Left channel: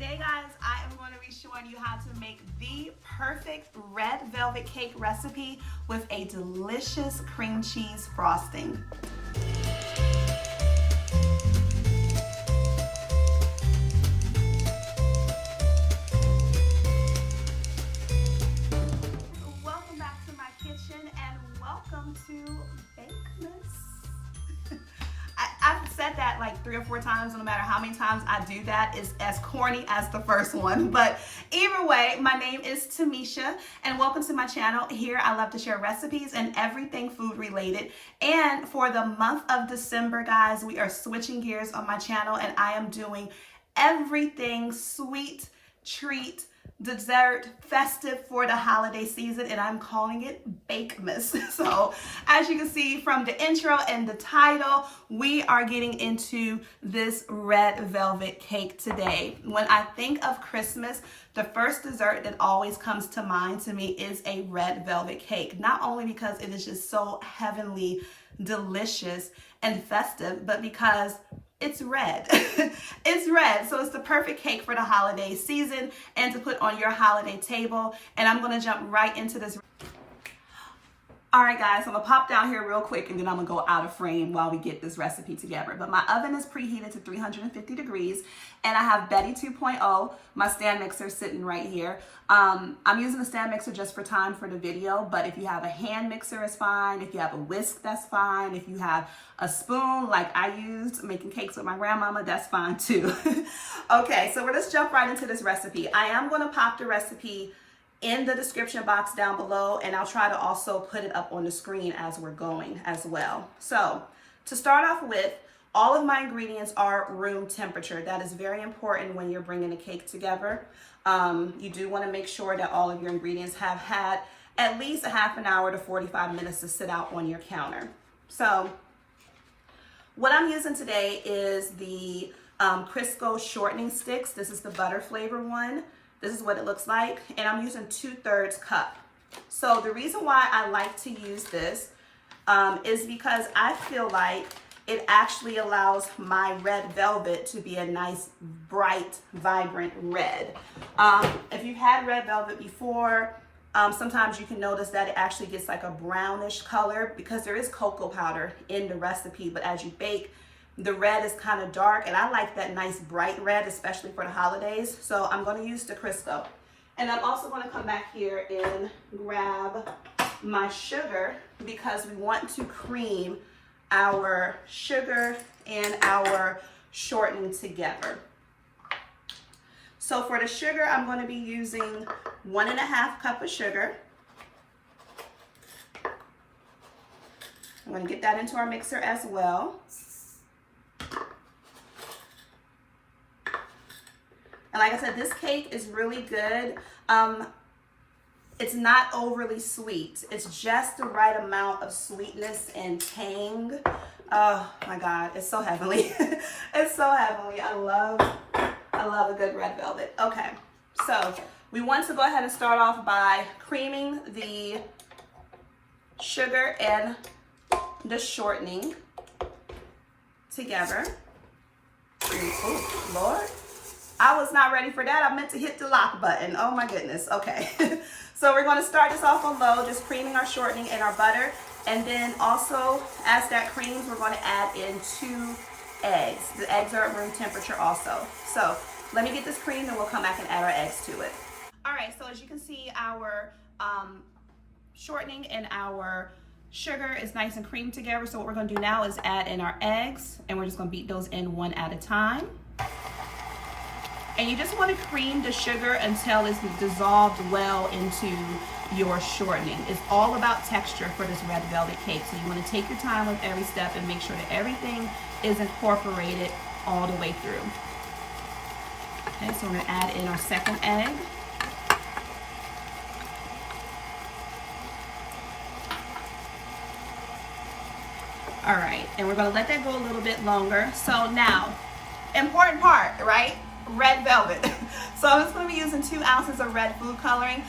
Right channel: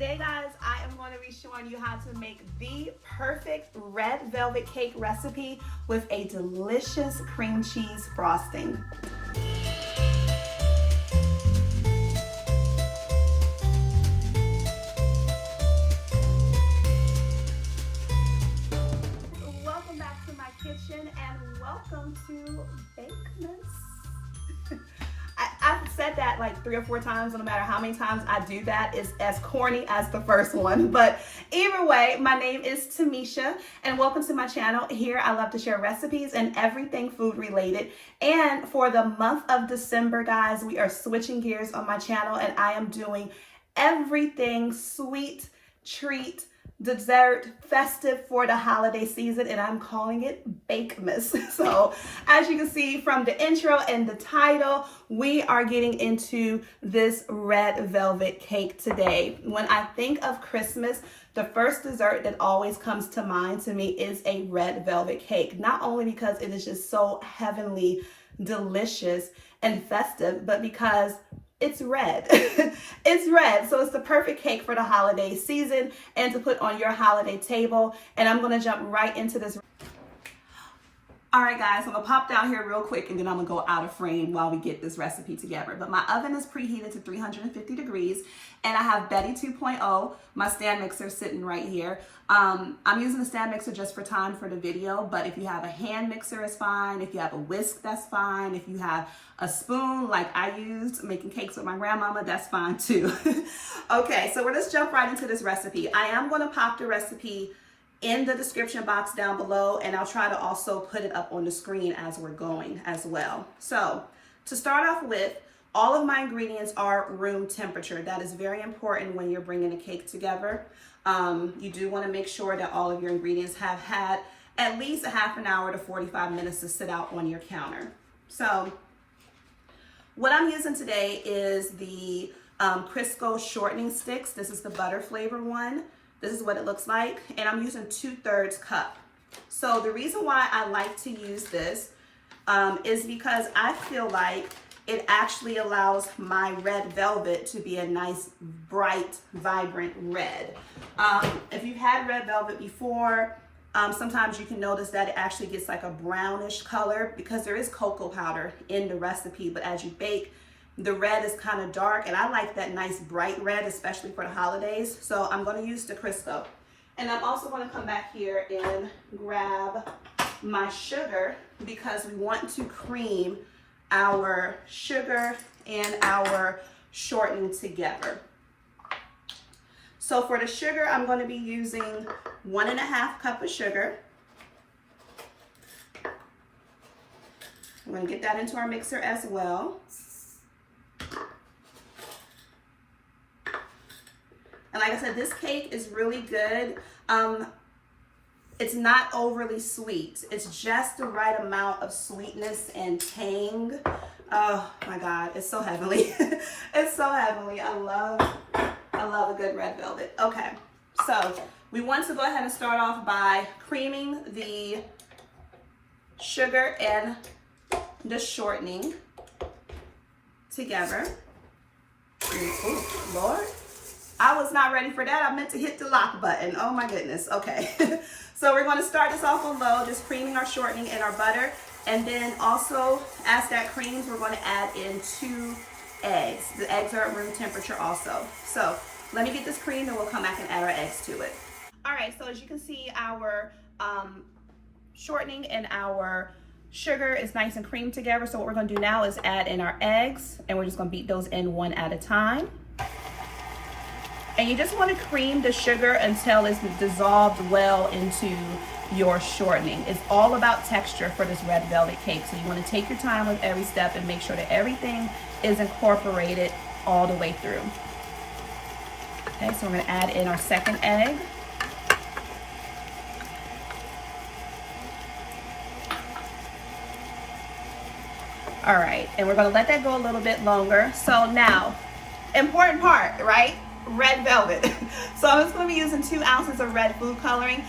Today, guys, I am going to be showing you how to make the perfect red velvet cake recipe with a delicious cream cheese frosting. Welcome back to my kitchen and welcome to Bakemas. I've said that like 3 or 4 times, no matter how many times I do that, it's as corny as the first one. But either way, my name is Tamisha and welcome to my channel. Here I love to share recipes and everything food related. And for the month of December, guys, we are switching gears on my channel and I am doing everything sweet, treat, dessert, festive for the holiday season, and I'm calling it Bakemas. So as you can see from the intro and the title, we are getting into this red velvet cake today. When I think of Christmas, the first dessert that always comes to mind to me is a red velvet cake, not only because it is just so heavenly, delicious, and festive, but because it's red. It's red, so it's the perfect cake for the holiday season and to put on your holiday table. And I'm gonna jump right into this. All right, guys, I'm gonna pop down here real quick and then I'm gonna go out of frame while we get this recipe together. But my oven is preheated to 350 degrees and I have Betty 2.0, my stand mixer, sitting right here. I'm using the stand mixer just for time for the video, but if you have a hand mixer, it's fine. If you have a whisk, that's fine. If you have a spoon like I used making cakes with my grandmama, that's fine too. Okay, so let's jump right into this recipe. I am gonna pop the recipe in the description box down below, and I'll try to also put it up on the screen as we're going as well. So to start off with, all of my ingredients are room temperature. That is very important when you're bringing a cake together. You do want to make sure that all of your ingredients have had at least a half an hour to 45 minutes to sit out on your counter. So what I'm using today is the Crisco shortening sticks. This is the butter flavor one. This is what it looks like, and I'm using 2/3 cup. So the reason why I like to use this is because I feel like it actually allows my red velvet to be a nice, bright, vibrant red. If you've had red velvet before, sometimes you can notice that it actually gets like a brownish color because there is cocoa powder in the recipe, but as you bake, the red is kind of dark, and I like that nice bright red, especially for the holidays. So I'm going to use the Crisco. And I'm also going to come back here and grab my sugar because we want to cream our sugar and our shortening together. So for the sugar, I'm going to be using 1.5 cups of sugar. I'm going to get that into our mixer as well. And like I said, this cake is really good. It's not overly sweet. It's just the right amount of sweetness and tang. Oh my God, it's so heavenly. It's so heavenly. I love a good red velvet. Okay, so we want to go ahead and start off by creaming the sugar and the shortening together. Oh, Lord. I was not ready for that. I meant to hit the lock button. Oh my goodness. Okay. So we're going to start this off on low, just creaming our shortening and our butter. And then also, as that creams, we're going to add in 2 eggs. The eggs are at room temperature also. So let me get this creamed and we'll come back and add our eggs to it. All right, so as you can see, our shortening and our sugar is nice and creamed together. So what we're going to do now is add in our eggs, and we're just going to beat those in one at a time. And you just want to cream the sugar until it's dissolved well into your shortening. It's all about texture for this red velvet cake. So you want to take your time with every step and make sure that everything is incorporated all the way through. Okay, so we're going to add in our second egg. All right, and we're going to let that go a little bit longer. So now, important part, right? red velvet. So I'm just going to be using 2 ounces of red food coloring.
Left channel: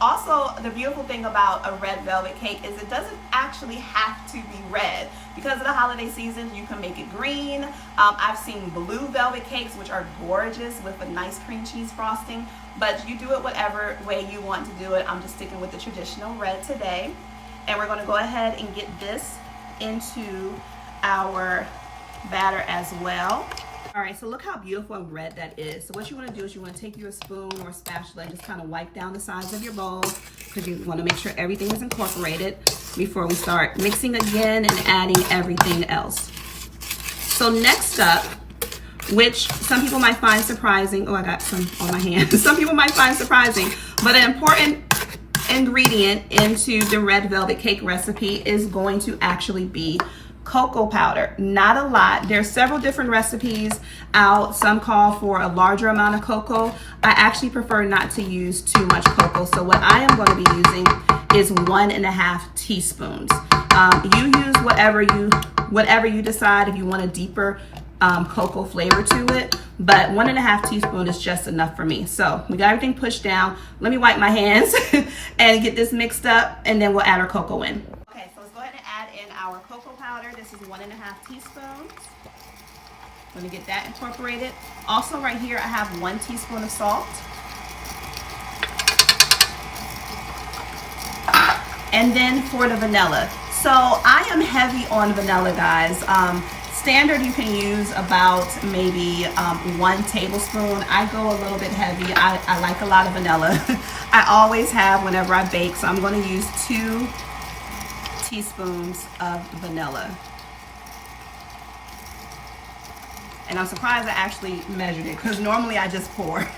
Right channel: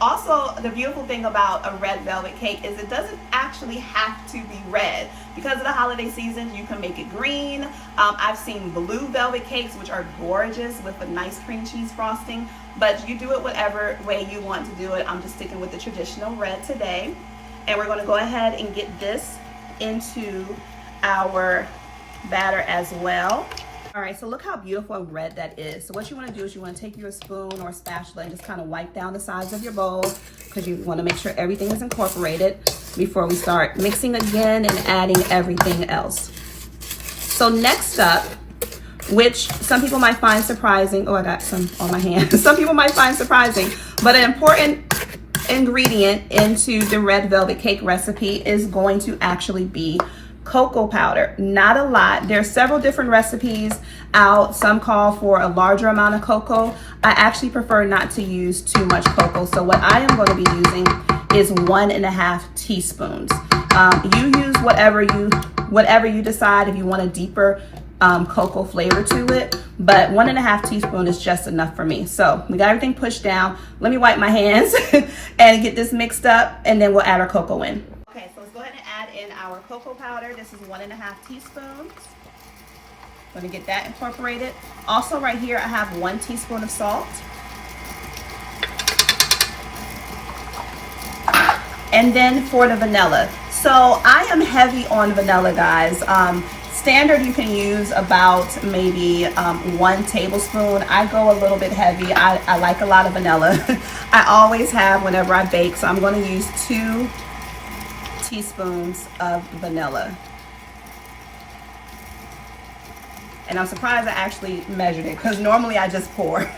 Also, the beautiful thing about a red velvet cake is it doesn't actually have to be red. Because of the holiday season, you can make it green. I've seen blue velvet cakes, which are gorgeous with a nice cream cheese frosting, but you do it whatever way you want to do it. I'm just sticking with the traditional red today. And we're going to go ahead and get this into our batter as well. All right, so look how beautiful and red that is. So what you want to do is you want to take your spoon or spatula and just kind of wipe down the sides of your bowl, because you want to make sure everything is incorporated before we start mixing again and adding everything else. So next up, which some people might find surprising, oh, I got some on my hand. Some people might find surprising, but an important ingredient into the red velvet cake recipe is going to actually be cocoa powder. Not a lot. There's several different recipes out. Some call for a larger amount of cocoa. I actually prefer not to use too much cocoa. So what I am going to be using is 1.5 teaspoons. You use whatever you decide if you want a deeper cocoa flavor to it, but 1.5 teaspoons is just enough for me. So we got everything pushed down. Let me wipe my hands and get this mixed up, and then we'll add our cocoa in. Okay, so let's go ahead and add in our cocoa powder. This is 1.5 teaspoons. I'm going to get that incorporated. Also right here, I have 1 teaspoon of salt. And then for the vanilla. So I am heavy on vanilla, guys. Standard, you can use about maybe 1 tablespoon. I go a little bit heavy. I like a lot of vanilla. I always have whenever I bake. So I'm going to use 2 teaspoons of vanilla. And I'm surprised I actually measured it, because normally I just pour.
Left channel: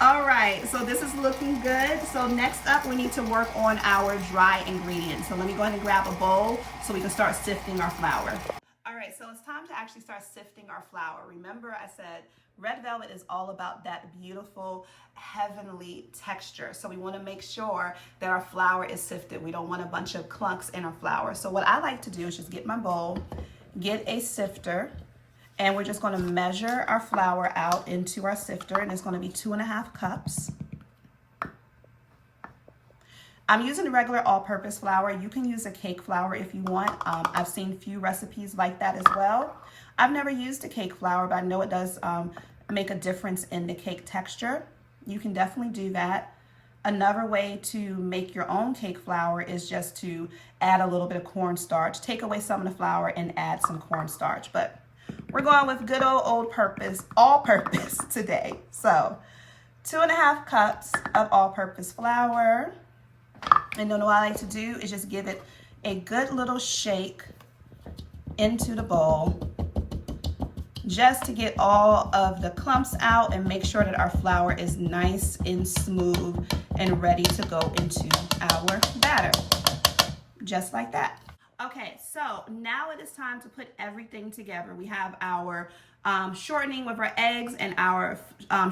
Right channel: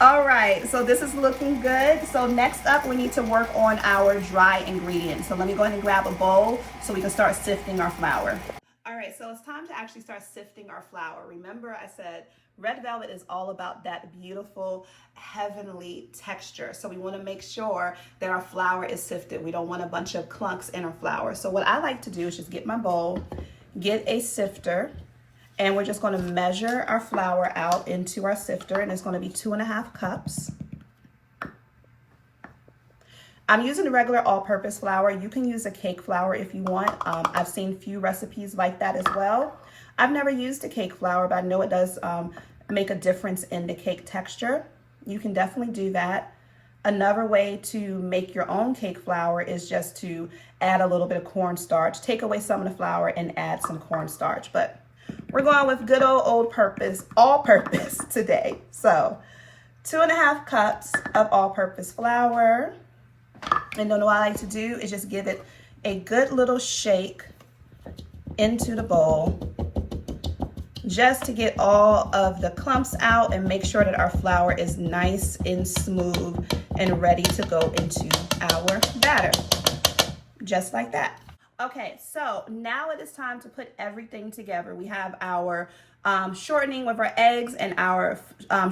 All right, so this is looking good. So next up, we need to work on our dry ingredients. So let me go ahead and grab a bowl so we can start sifting our flour. All right, so it's time to actually start sifting our flour. Remember, I said red velvet is all about that beautiful, heavenly texture. So we want to make sure that our flour is sifted. We don't want a bunch of clunks in our flour. So what I like to do is just get my bowl, get a sifter, and we're just going to measure our flour out into our sifter, and it's going to be 2.5 cups. I'm using regular all-purpose flour. You can use a cake flour if you want. I've seen few recipes like that as well. I've never used a cake flour, but I know it does make a difference in the cake texture. You can definitely do that. Another way to make your own cake flour is just to add a little bit of cornstarch. Take away some of the flour and add some cornstarch. But we're going with good old all-purpose today. So 2.5 cups of all-purpose flour. And then what I like to do is just give it a good little shake into the bowl, just to get all of the clumps out and make sure that our flour is nice and smooth and ready to go into our batter, just like that. Okay, so now it is time to put everything together. We have our shortening with our eggs and our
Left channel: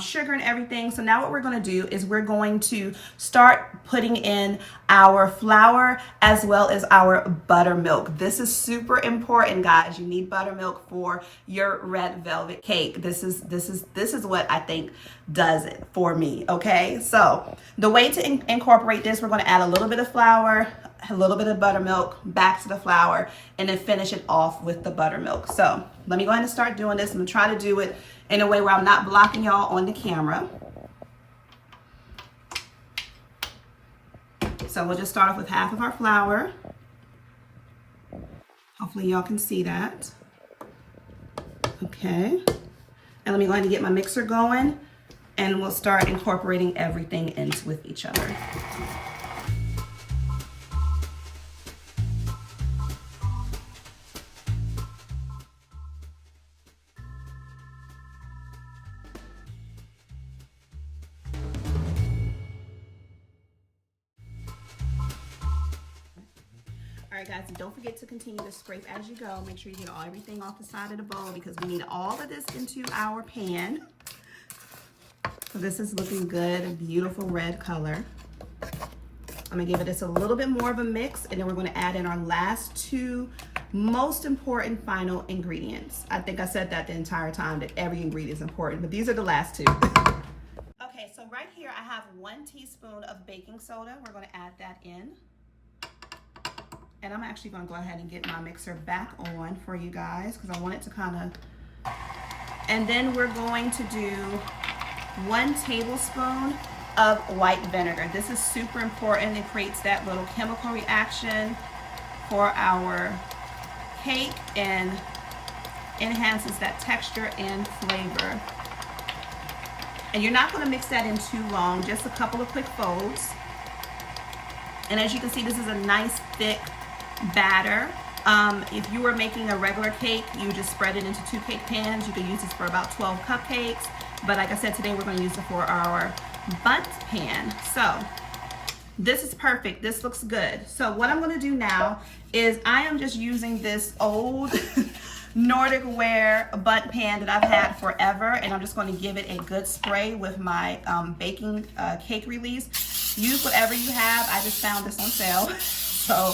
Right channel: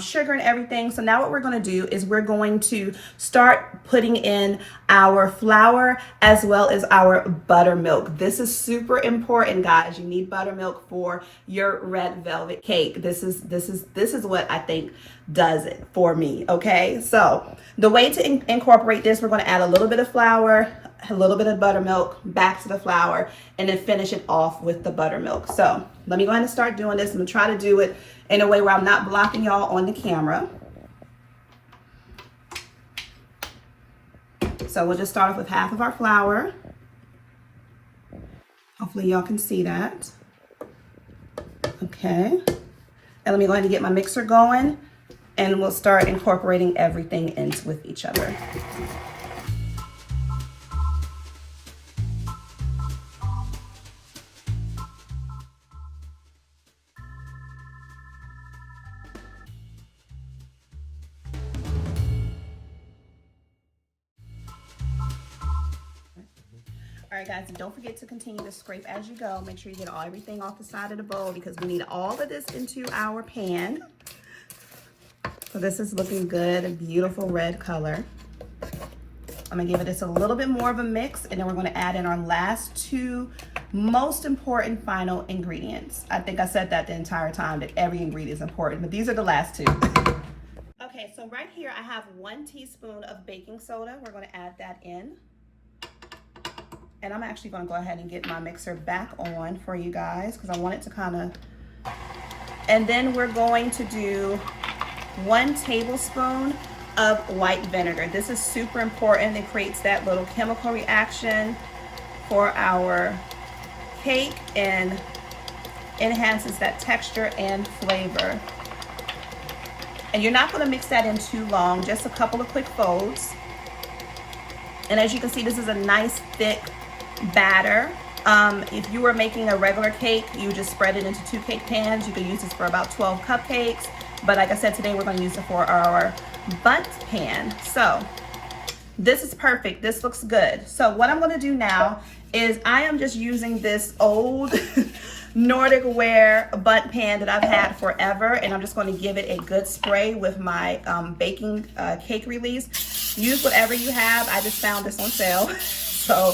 sugar and everything. So now what we're going to do is we're going to start putting in our flour as well as our buttermilk. This is super important, guys. You need buttermilk for your red velvet cake. This is what I think does it for me. Okay, so the way to incorporate this, we're going to add a little bit of flour, a little bit of buttermilk, back to the flour, and then finish it off with the buttermilk. So let me go ahead and start doing this. I'm gonna try to do it in a way where I'm not blocking y'all on the camera. So we'll just start off with half of our flour. Hopefully y'all can see that. Okay. And let me go ahead and get my mixer going, and we'll start incorporating everything in with each other. All right, guys, and don't forget to continue to scrape as you go. Make sure you get everything off the side of the bowl, because we need all of this into our pan. So this is looking good, a beautiful red color. I'm gonna give it just a little bit more of a mix, and then we're gonna add in our last 2 most important final ingredients. I think I said that the entire time, that every ingredient is important, but these are the last two. Okay, so right here I have 1 teaspoon of baking soda. We're going to add that in. And I'm actually going to go ahead and get my mixer back on for you guys because I want it to kind of... And then we're going to do 1 tablespoon of white vinegar. This is super important. It creates that little chemical reaction for our cake and enhances that texture and flavor. And you're not going to mix that in too long, just a couple of quick folds. And as you can see, this is a nice thick batter. If you were making a regular cake, you just spread it into 2 cake pans. You could use this for about 12 cupcakes. But like I said, today we're going to use it for our Bundt pan. So this is perfect. This looks good. So what I'm going to do now is I am just using this old Nordic ware Bundt pan that I've had forever, and I'm just going to give it a good spray with my baking cake release. Use whatever you have. I just found this on sale, so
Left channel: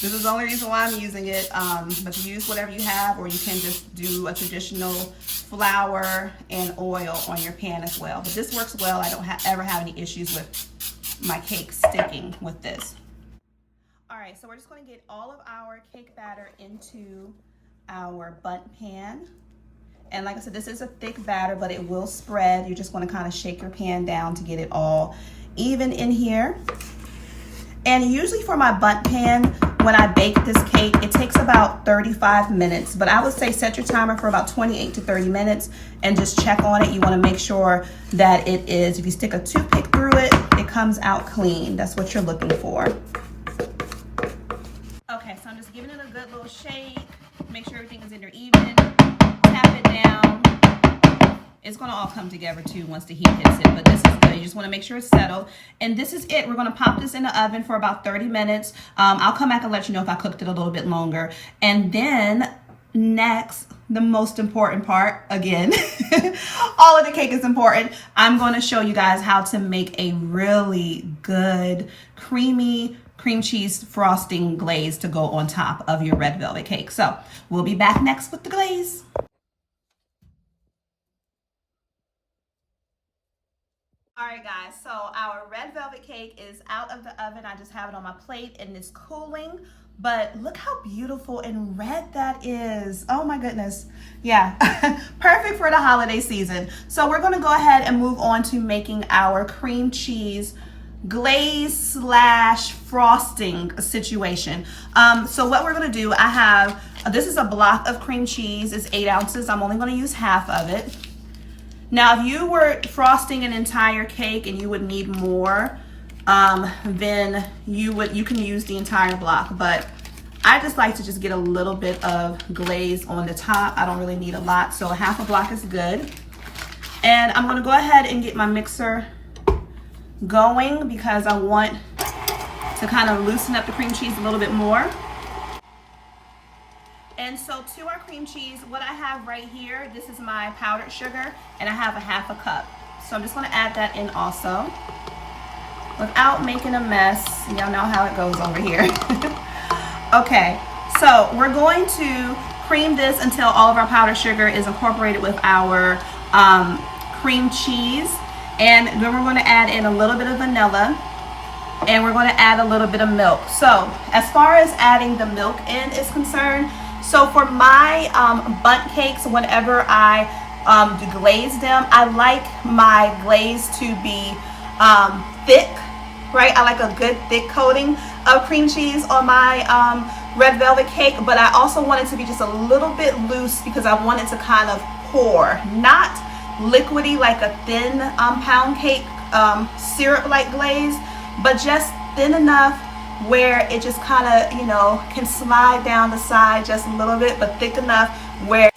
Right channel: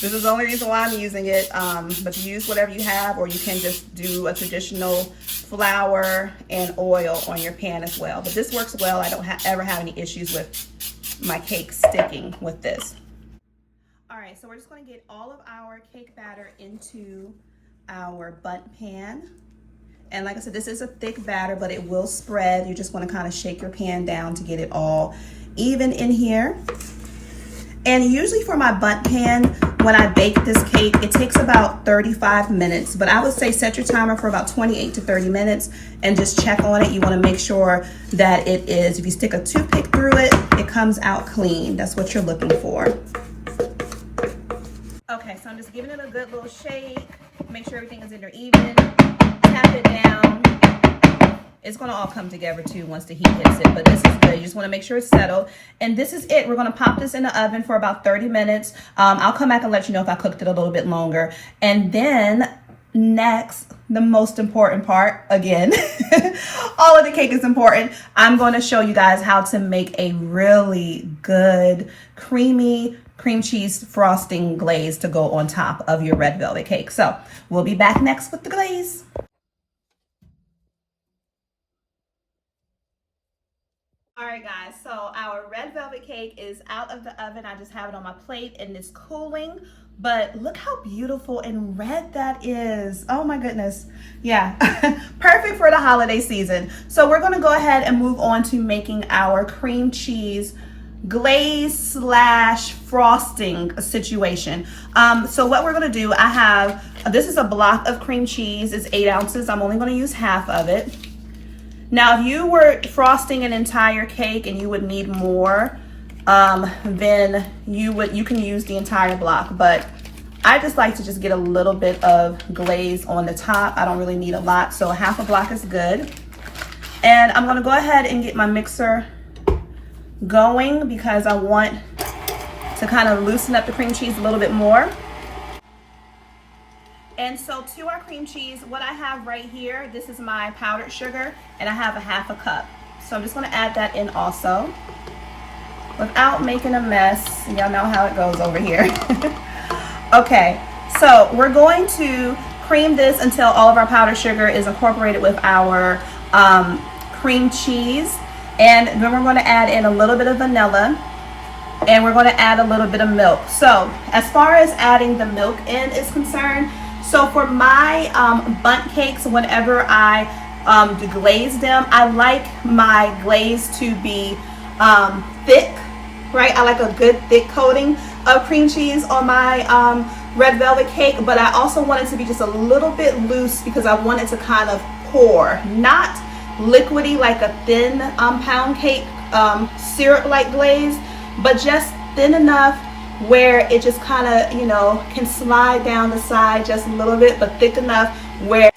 this is the only reason why I'm using it. But use whatever you have, or you can just do a traditional flour and oil on your pan as well. But this works well. I don't ever have any issues with my cake sticking with this. All right, so we're just going to get all of our cake batter into our Bundt pan. And like I said, this is a thick batter, but it will spread. You're just going to kind of shake your pan down to get it all even in here. And usually for my Bundt pan, when I bake this cake, it takes about 35 minutes, but I would say set your timer for about 28 to 30 minutes and just check on it. You want to make sure that it is, if you stick a toothpick through it, it comes out clean. That's what you're looking for. Okay, so I'm just giving it a good little shake. Make sure everything is in there even. Tap it down. It's going to all come together too once the heat hits it, but this is good. You just want to make sure it's settled. And this is it. We're going to pop this in the oven for about 30 minutes. I'll come back and let you know if I cooked it a little bit longer. And then next, the most important part, again, all of the cake is important. I'm going to show you guys how to make a really good creamy cream cheese frosting glaze to go on top of your red velvet cake. So we'll be back next with the glaze. All right, guys, so our red velvet cake is out of the oven. I just have it on my plate and it's cooling, but look how beautiful and red that is. Oh my goodness. Yeah, perfect for the holiday season. So we're gonna go ahead and move on to making our cream cheese glaze slash frosting situation. So what we're gonna do, I have, this is a block of cream cheese, it's 8 ounces. I'm only gonna use half of it. Now, if you were frosting an entire cake and you would need more, then you can use the entire block. But I just like to just get a little bit of glaze on the top. I don't really need a lot, so half a block is good. And I'm gonna go ahead and get my mixer going because I want to kind of loosen up the cream cheese a little bit more. And so to our cream cheese, what I have right here, this is my powdered sugar, and I have a half a cup. So I'm just gonna add that in also without making a mess. Y'all know how it goes over here. Okay, so we're going to cream this until all of our powdered sugar is incorporated with our cream cheese. And then we're gonna add in a little bit of vanilla, and we're gonna add a little bit of milk. So as far as adding the milk in is concerned, so for my Bundt cakes, whenever I glaze them, I like my glaze to be thick, right? I like a good thick coating of cream cheese on my red velvet cake, but I also want it to be just a little bit loose because I want it to kind of pour, not liquidy like a thin pound cake syrup-like glaze, but just thin enough where it just kind of, you know, can slide down the side just a little bit, but thick enough where,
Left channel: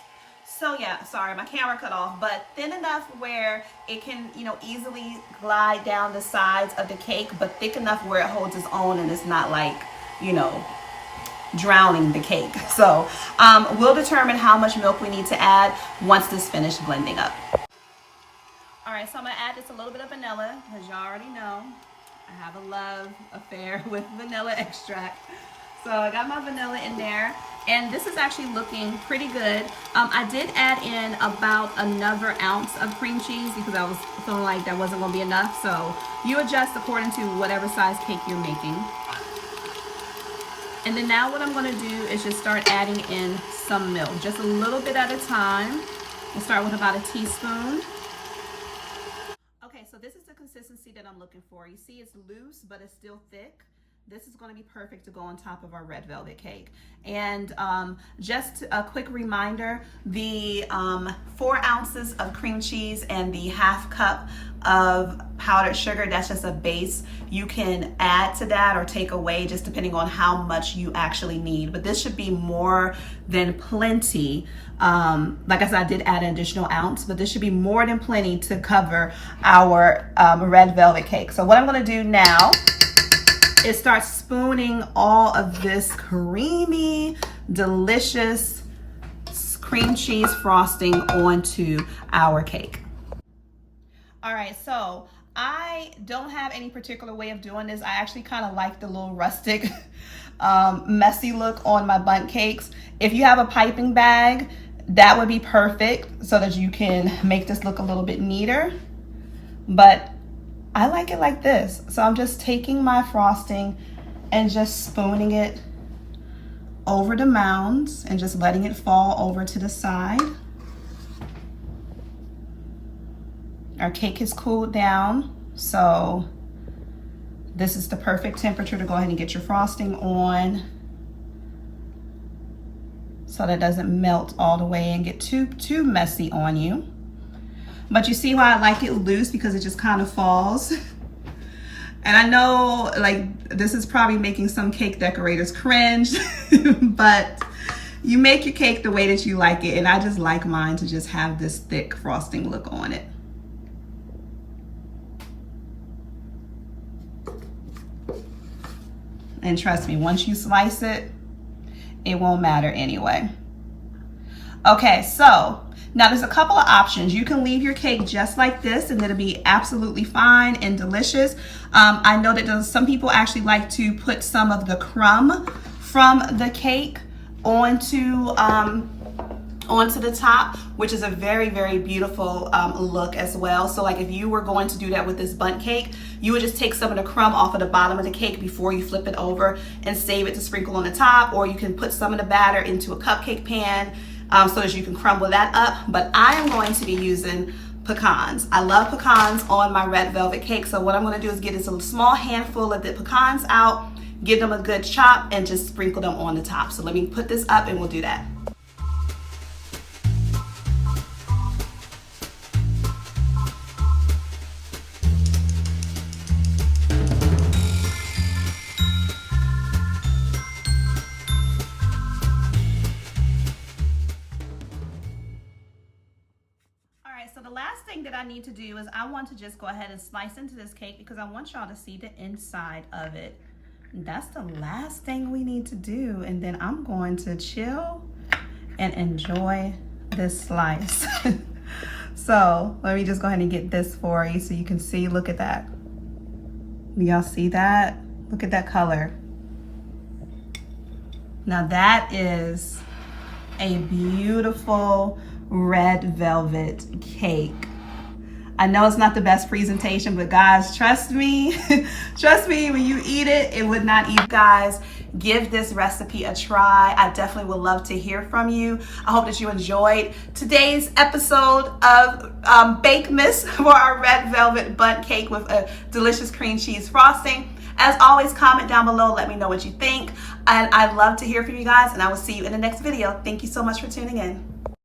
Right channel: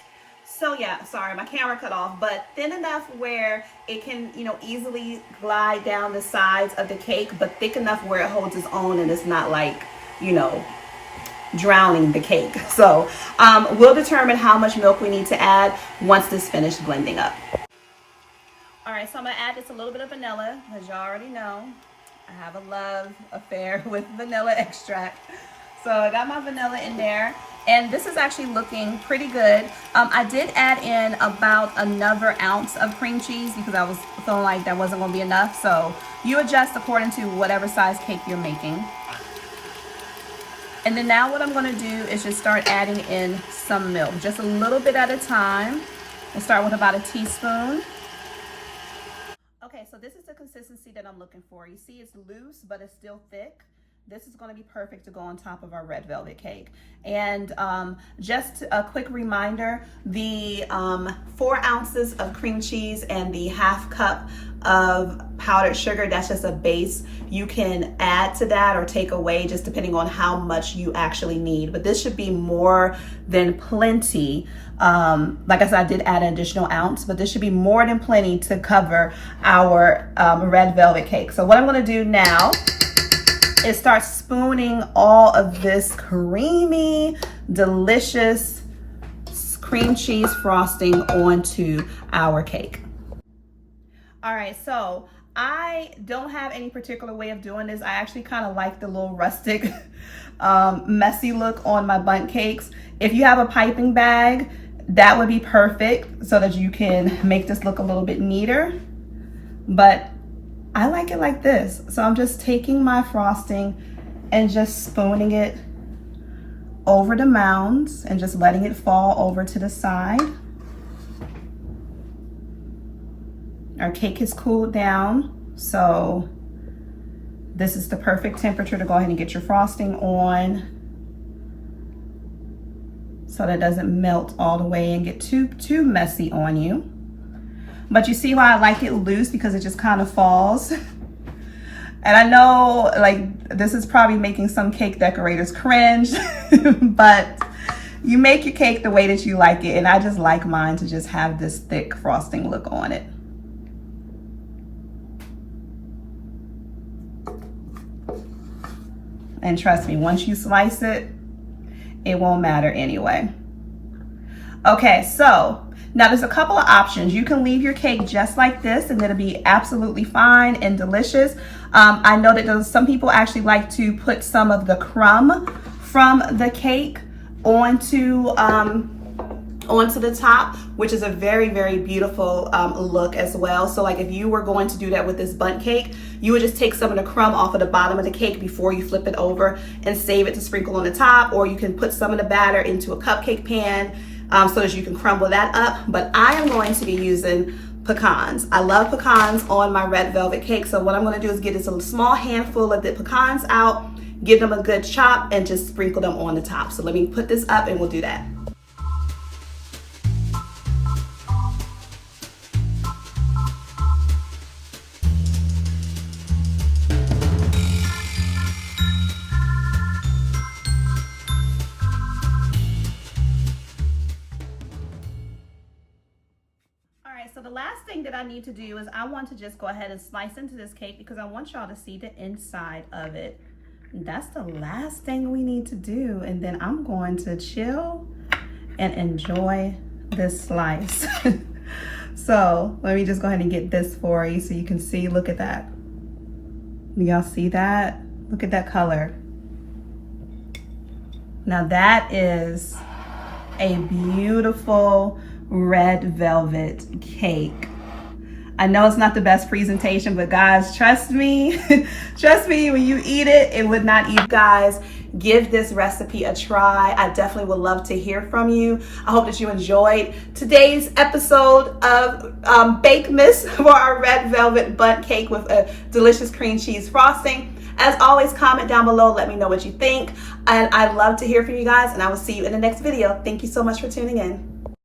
so yeah, sorry, my camera cut off, but thin enough where it can, you know, easily glide down the sides of the cake, but thick enough where it holds its own and it's not like, you know, drowning the cake. So we'll determine how much milk we need to add once this finished blending up. All right, so I'm gonna add just a little bit of vanilla, because y'all already know I have a love affair with vanilla extract. So I got my vanilla in there. And this is actually looking pretty good. I did add in about another ounce of cream cheese because I was feeling like that wasn't gonna be enough. So you adjust according to whatever size cake you're making. And then now what I'm gonna do is just start adding in some milk, just a little bit at a time. We'll start with about a teaspoon. Okay, so this is the consistency that I'm looking for. You see it's loose, but it's still thick. This is going to be perfect to go on top of our red velvet cake. And just a quick reminder, the 4 ounces of cream cheese and the ½ cup of powdered sugar, that's just a base. You can add to that or take away just depending on how much you actually need. But this should be more than plenty. Like I said, I did add an additional ounce, but this should be more than plenty to cover our red velvet cake. So what I'm going to do now is start spooning all of this creamy, delicious cream cheese frosting onto our cake. All right, so I don't have any particular way of doing this. I actually kind of like the little rustic, messy look on my bundt cakes. If you have a piping bag, that would be perfect so that you can make this look a little bit neater. But I like it like this. So I'm just taking my frosting and just spooning it over the mounds and just letting it fall over to the side. Our cake has cooled down, so this is the perfect temperature to go ahead and get your frosting on so that it doesn't melt all the way and get too messy on you. But you see why I like it loose, because it just kind of falls. And I know like this is probably making some cake decorators cringe, but you make your cake the way that you like it. And I just like mine to just have this thick frosting look on it. And trust me, once you slice it, it won't matter anyway. Okay, so now there's a couple of options. You can leave your cake just like this and it'll be absolutely fine and delicious. I know that some people actually like to put some of the crumb from the cake onto the top, which is a very, very beautiful look as well. So like if you were going to do that with this bundt cake, you would just take some of the crumb off of the bottom of the cake before you flip it over and save it to sprinkle on the top, or you can put some of the batter into a cupcake pan so that you can crumble that up. But I am going to be using pecans. I love pecans on my red velvet cake. So what I'm going to do is get this a small handful of the pecans out, give them a good chop, and just sprinkle them on the top. So let me put this up and we'll do that. So the last thing that I need to do is I want to just go ahead and slice into this cake because I want y'all to see the inside of it. That's the last thing we need to do. And then I'm going to chill and enjoy this slice. So let me just go ahead and get this for you so you can see. Look at that. Y'all see that? Look at that color. Now that is a beautiful red velvet cake. I know it's not the best presentation, but guys, trust me, trust me, when you eat it, it would not eat. Guys, give this recipe a try. I definitely would love to hear from you. I hope that you enjoyed today's episode of Bakemas for our red velvet bundt cake with a delicious cream cheese frosting. As always, comment down below, let me know what you think. And I'd love to hear from you guys, and I will see you in the next video. Thank you so much for tuning in.